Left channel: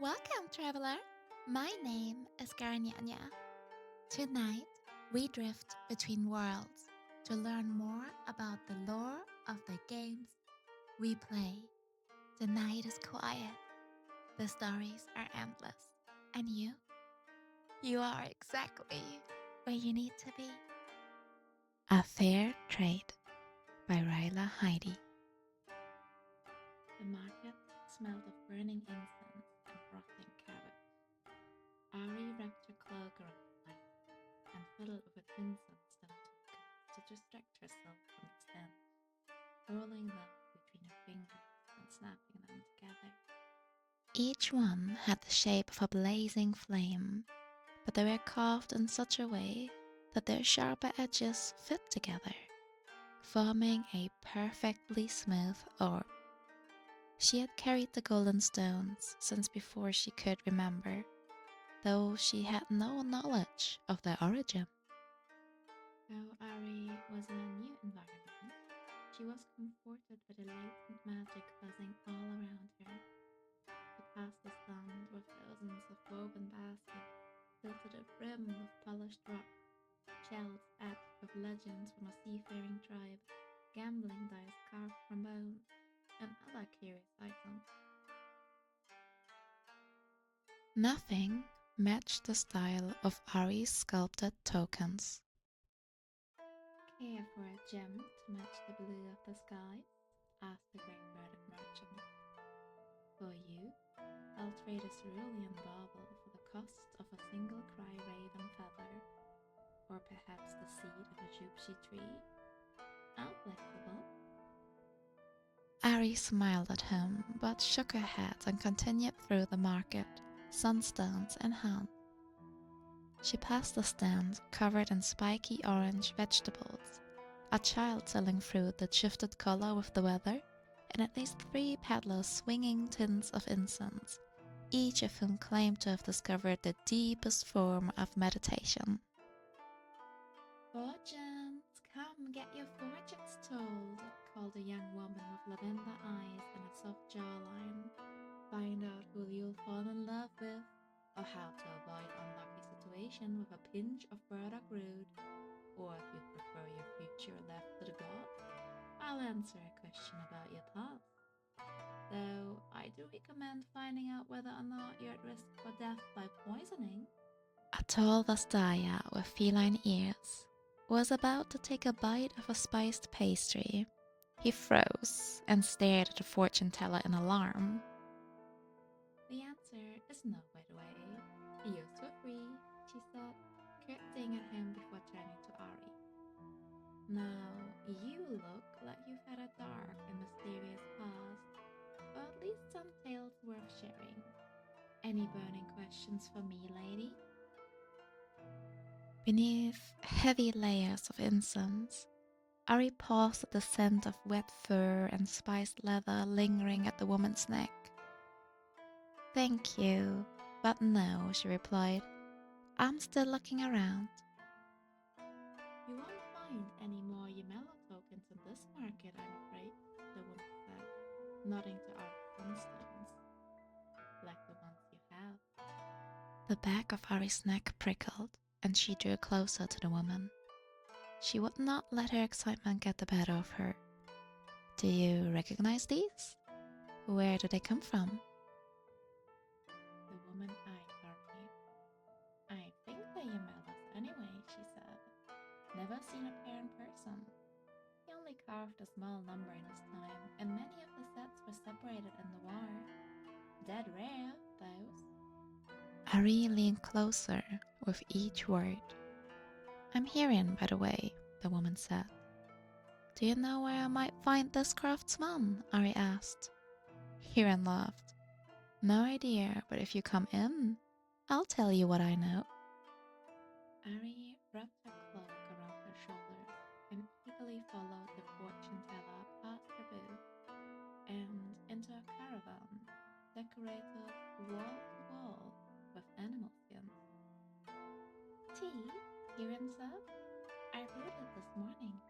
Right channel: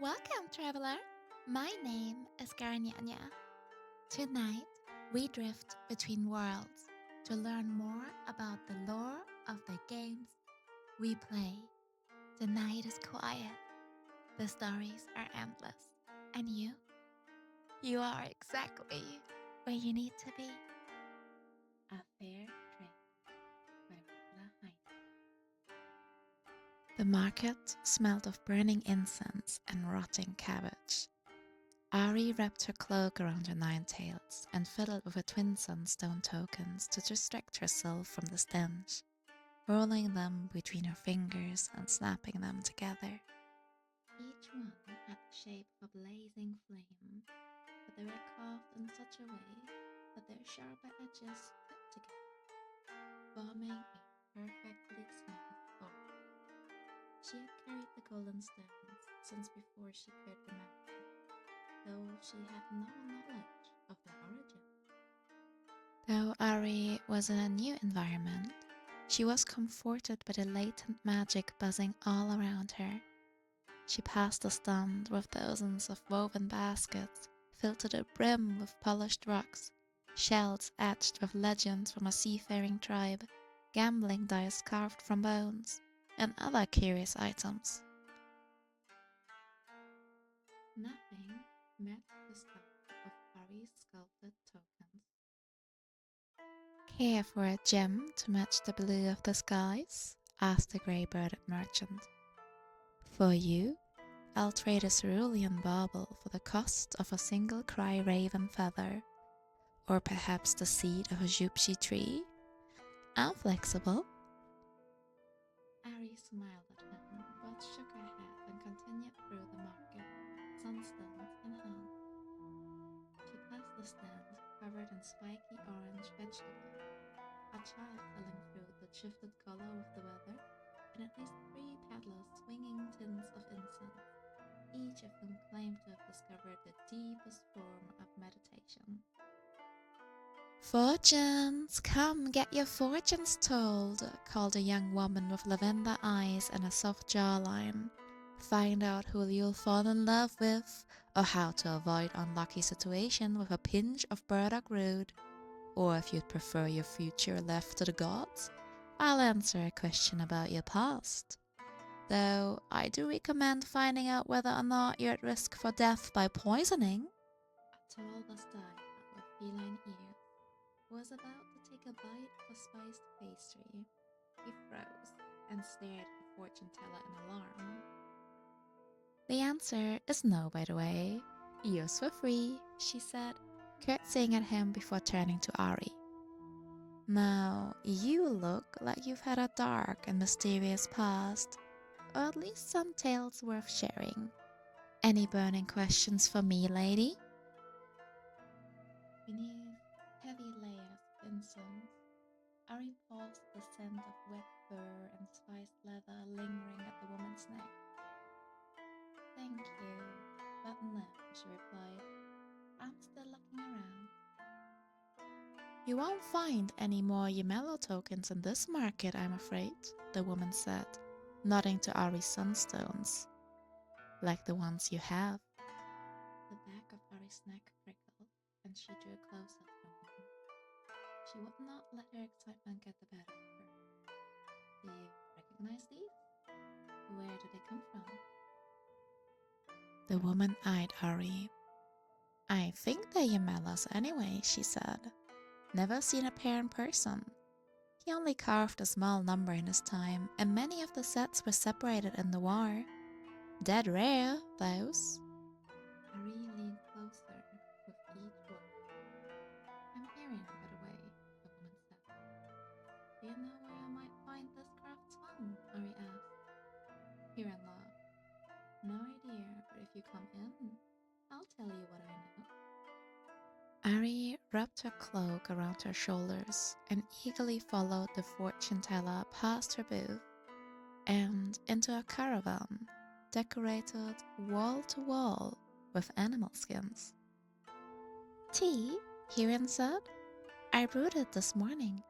Welcome, traveler. My name is Garanyanya. Tonight, we drift between worlds to learn more about the lore of the games we play. The night is quiet, the stories are endless, and you are exactly where you need to be. A Fair Trade by Ryla Heidi. The market smelled of burning incense and rotting cabbage. Ahri wrapped her cloak around her nine tails and fiddled with her twin sunstone tokens to distract herself from the stench, rolling them between her fingers and snapping them together. Each one had the shape of a blazing flame, but they were carved in such a way that their sharper edges fit together, forming a perfectly smooth orb. She had carried the golden stones since before she could remember, though she had no knowledge of their origin. Though Ahri was in a new environment, she was comforted by the latent magic buzzing all around her. She passed a stand with thousands of woven baskets filled to the brim with polished rocks, shells etched with legends from a seafaring tribe, gambling dice carved from bones, and other curious items. Nothing matched the style of Ahri's sculpted tokens. Care for a gem to match the blue of the skies? Asked the grey-birded merchant. For you, I'll trade a cerulean bauble for the cost of a single cry raven feather, or perhaps the seed of a jupchi tree. I'm flexible. Ahri smiled at him, but shook her head and continued through the market, sunstones in hand. She passed a stand covered in spiky orange vegetables, a child selling fruit that shifted color with the weather, and at least 3 peddlers swinging tins of incense, each of whom claimed to have discovered the deepest form of meditation. "Fortunes, come get your fortunes told," called a young woman with lavender eyes and a soft jawline. "Find out who you'll fall in love with, or how to avoid unlucky situation with a pinch of burdock root. Or if you'd prefer your future left to the gods, I'll answer a question about your past. Though I do recommend finding out whether or not you're at risk for death by poisoning." A tall Vastaya with feline ears was about to take a bite of a spiced pastry. He froze and stared at the fortune teller in alarm. "The answer is no, by the way. Yours for free," she said, curtsying at him before turning to Ahri. "Now, you look like you've had a dark and mysterious past, or at least some tales worth sharing. Any burning questions for me, lady?" Beneath heavy layers of incense, Ahri paused at the scent of wet fur and spiced leather lingering at the woman's neck. "Thank you, but no," she replied. "I'm still looking around." "You won't find any more Ymello tokens in this market, I'm afraid," the woman said, nodding to Ahri's sunstones. "Like the ones you have." The back of Ahri's neck prickled, and she drew closer to the woman. She would not let her excitement get the better of her. "Do you recognize these? Where do they come from?" The woman eyed Ahri. "I think they're Ymello's anyway," she said. "Never seen a pair in person. He only carved a small number in his time, and many of the sets were separated in the war. Dead rare, those." Ahri leaned closer with each word. "I'm Hirin, by the way," the woman said. "Do you know where I might find this craftsman?" Ahri asked. Hirin laughed. "No idea, but if you come in, I'll tell you what I know." Ahri wrapped her cloak around her shoulders and eagerly followed the fortune teller past her booth and into a caravan decorated wall to wall with animal skins. "Tea?" Hirin said. "I brewed it this morning."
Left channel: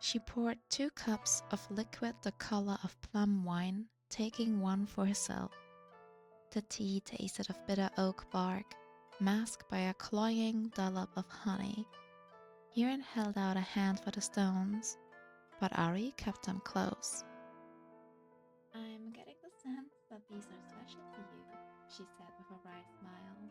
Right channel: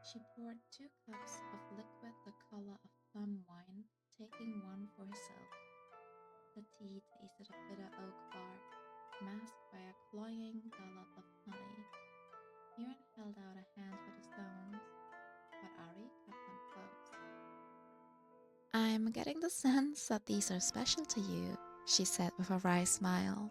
She poured 2 cups of liquid the color of plum wine, taking one for herself. The tea tasted of bitter oak bark, masked by a cloying dollop of honey. Hiren held out a hand for the stones, but Ahri kept them close. "I'm getting the sense that these are special to you," she said with a wry smile.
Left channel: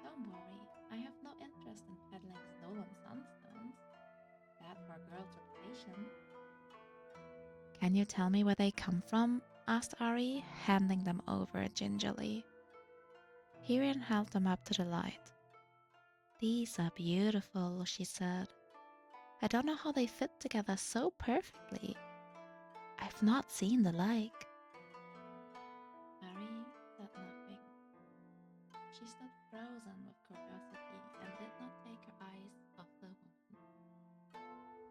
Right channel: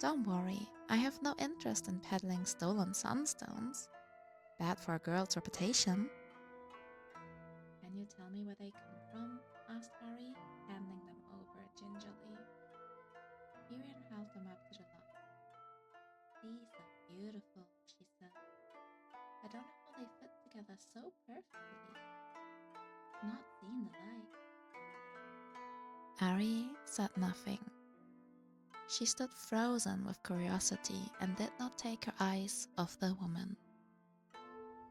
"Don't worry, I have no interest in peddling stolen sunstones. Bad for a girl's reputation." "Can you tell me where they come from?" asked Ahri, handing them over gingerly. Hiren held them up to the light. "These are beautiful," she said. "I don't know how they fit together so perfectly. I've not seen the like." Ahri said nothing. She stood frozen with curiosity and did not take her eyes off the woman.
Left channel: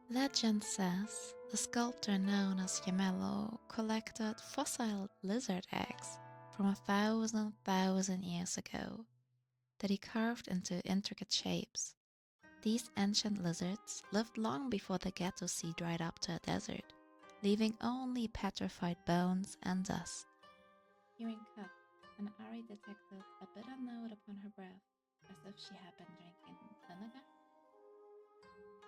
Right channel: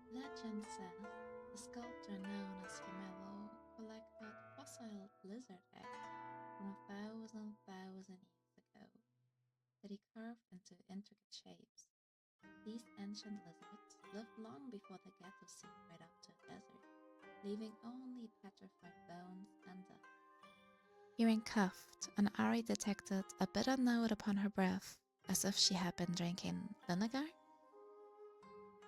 Legend says the sculptor known as Gemello collected fossil lizard eggs from 1,000 years ago that he carved into intricate shapes. These ancient lizards lived long before the Ghetto Sea dried up to a desert, leaving only petrified bones and dust. Hearing coughed, and Ahri detected a bitter note upon her breath, as if she had been drinking vinegar.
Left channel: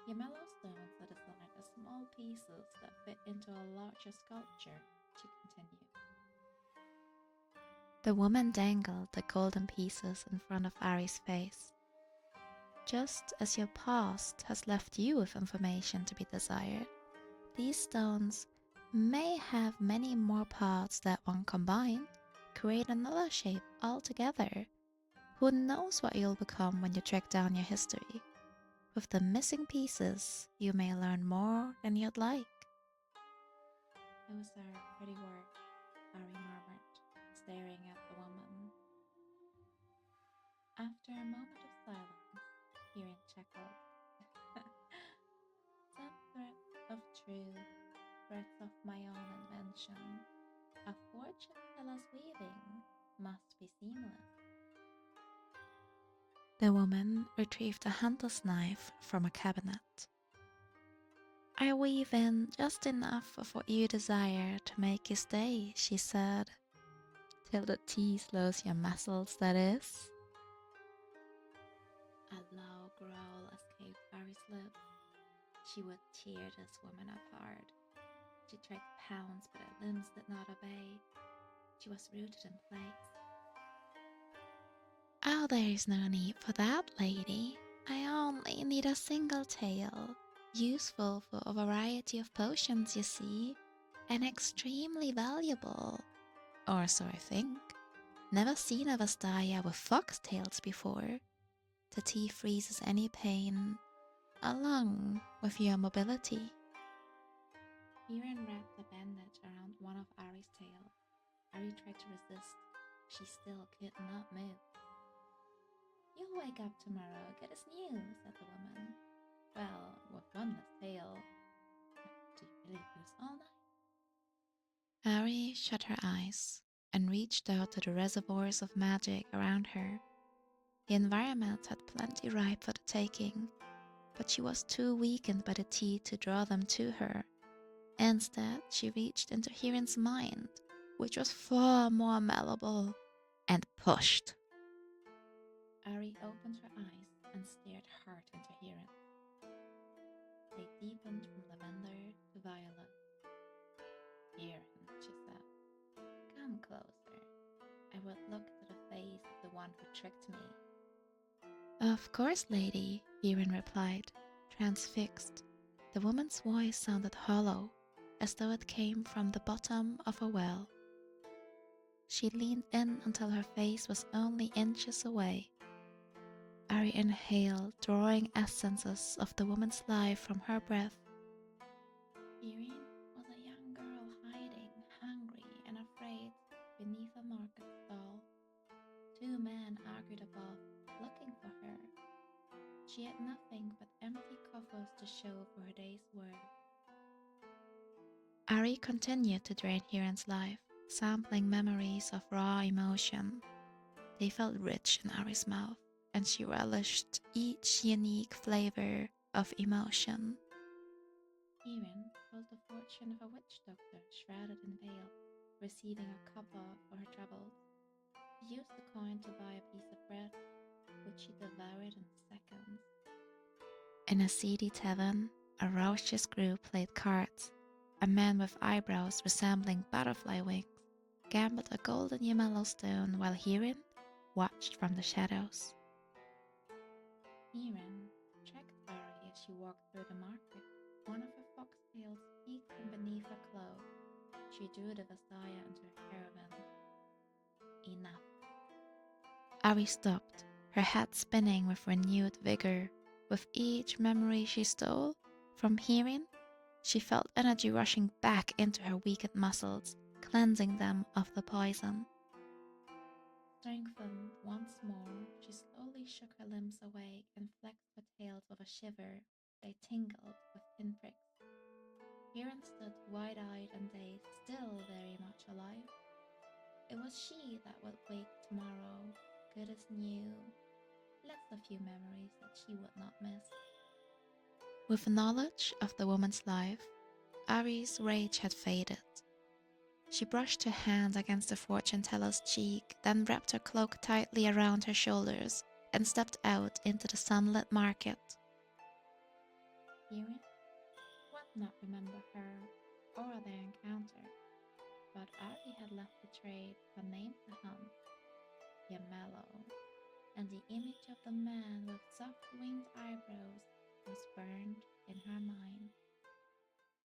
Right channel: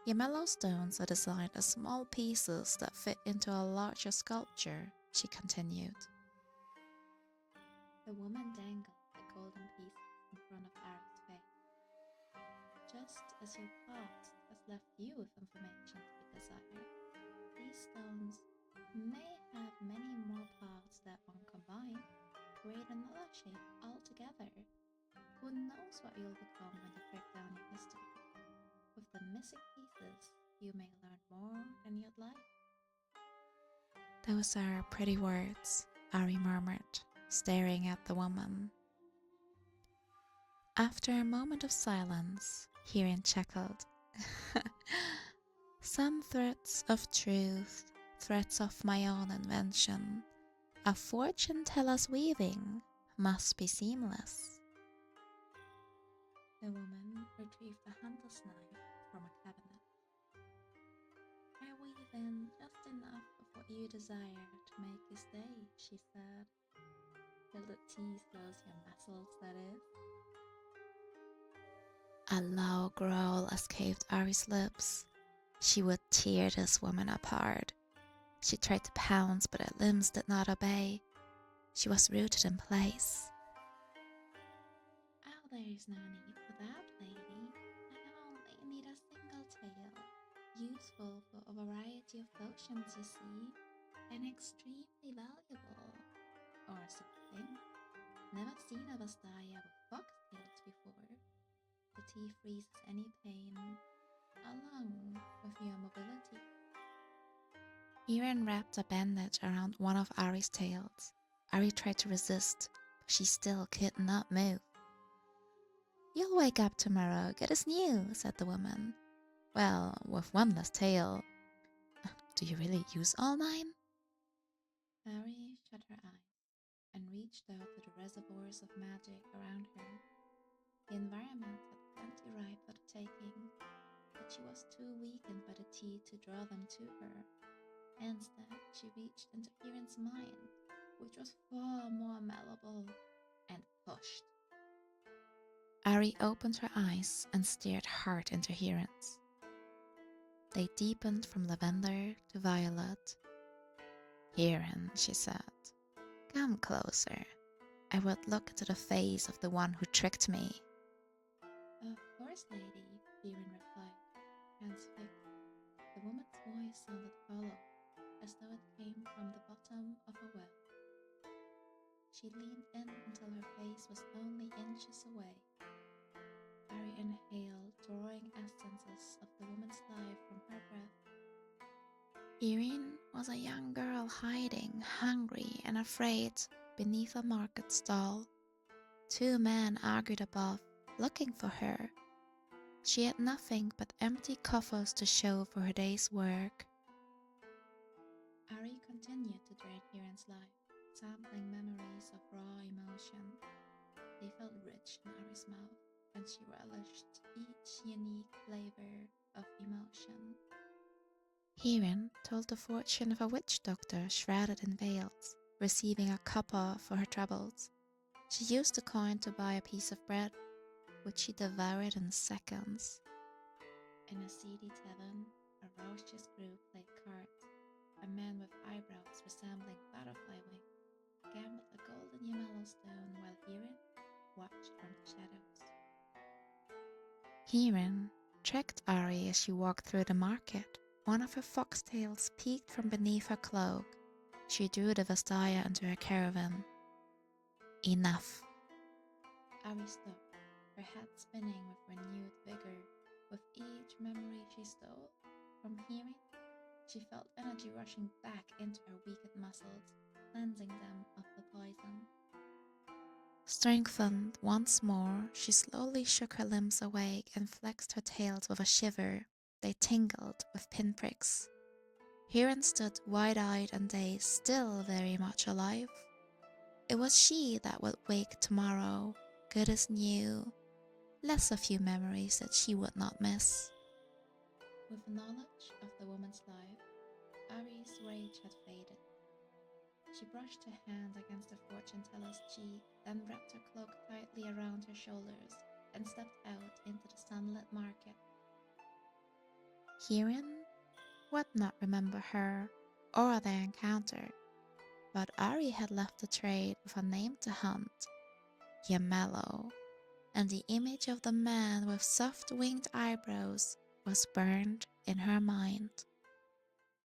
Gemello stones are designed as small pieces that fit into a larger sculpture, she continued. The woman dangled the golden pieces in front of Ahri's face. "Just as your past has left you with information to be desired, these stones may have many more parts that, when combined, create another shape altogether. Who knows what you'll become when you track down your history? With the missing pieces, you may learn more than you'd like." "Those are pretty words," Ahri murmured, staring at the woman. After a moment of silence, Hiren chuckled. "Some threads of truth, threads of my own invention, a fortune teller's weaving, must be seamless." The woman retrieved a hunter's knife from a cabinet. "I weave in just enough of what you desire to make you stay," she said. "Till the tea slows your muscles, that is." A low growl escaped Ahri's lips. She would tear this woman apart. She tried to pounce, but her limbs did not obey. She was rooted in place. "Oh, there's no need for that, lady. I only need a single tail, useful for a variety of potions, you see, and extremely valuable. Or so I think. Never seen a Vastaya with foxtails before. The tea freezes any pain, along with your mobility." Hiren wrapped a bandage around one of Ahri's tails. Ahri tried to resist, but she still could not move. "You'll wake up tomorrow, good as new," said the woman. "Well, with one less tail." "Do you really use all 9? Ahri shut her eyes and reached out to the reservoirs of magic around her. The environment had plenty ripe for the taking, but she was too weakened by the tea to draw them to her. Instead, she reached into Hiren's mind, which was far more malleable, and pushed. Ahri opened her eyes and stared hard into Hiren's. They deepened from lavender to violet. "Hiren," she said, "come closer. I would look into the face of the one who tricked me." "Of course, lady," Hiren replied, transfixed. The woman's voice sounded hollow, as though it came from the bottom of a well. She leaned in until her face was only inches away. Ahri inhaled, drawing essences of the woman's life from her breath. Irene was a young girl hiding, hungry and afraid, beneath a market stall. 2 men argued above, looking for her. She had nothing but empty coffers to show for her day's work. Ahri continued to drain Hiren's life, sampling memories of raw emotion. They felt rich in Ahri's mouth, and she relished each unique flavor of emotion. Hiren told the fortune of a witch doctor shrouded in veils, receiving a copper for her troubles. She used the coin to buy a piece of bread, which she devoured in seconds. In a seedy tavern, a raucous group played cards. A man with eyebrows resembling butterfly wings gambled a golden Yellowstone while Hirin watched from the shadows. Hirin tracked Ahri as she walked through the market. One of her foxtails peeked from beneath her cloak. She drew the Vastaya into her caravan. Enough. Ahri stopped, her head spinning with renewed vigor. With each memory she stole from Hirin, she felt energy rushing back into her weakened muscles, cleansing them of the poison. Strengthened once more, she slowly shook her limbs awake and flexed her tails with a shiver. They tingled with pinpricks. Hirin stood wide-eyed and dazed, still very much alive. It was she that would wake tomorrow, good as new, less a few memories that she would not miss. With knowledge of the woman's life, Ahri's rage had faded. She brushed her hand against the fortune teller's cheek, then wrapped her cloak tightly around her shoulders and stepped out into the sunlit market. Hirin would not remember her or their encounter, but Ahri had left the trade with a name to hunt, Yamello, and the image of the man with soft winged eyebrows was burned in her mind.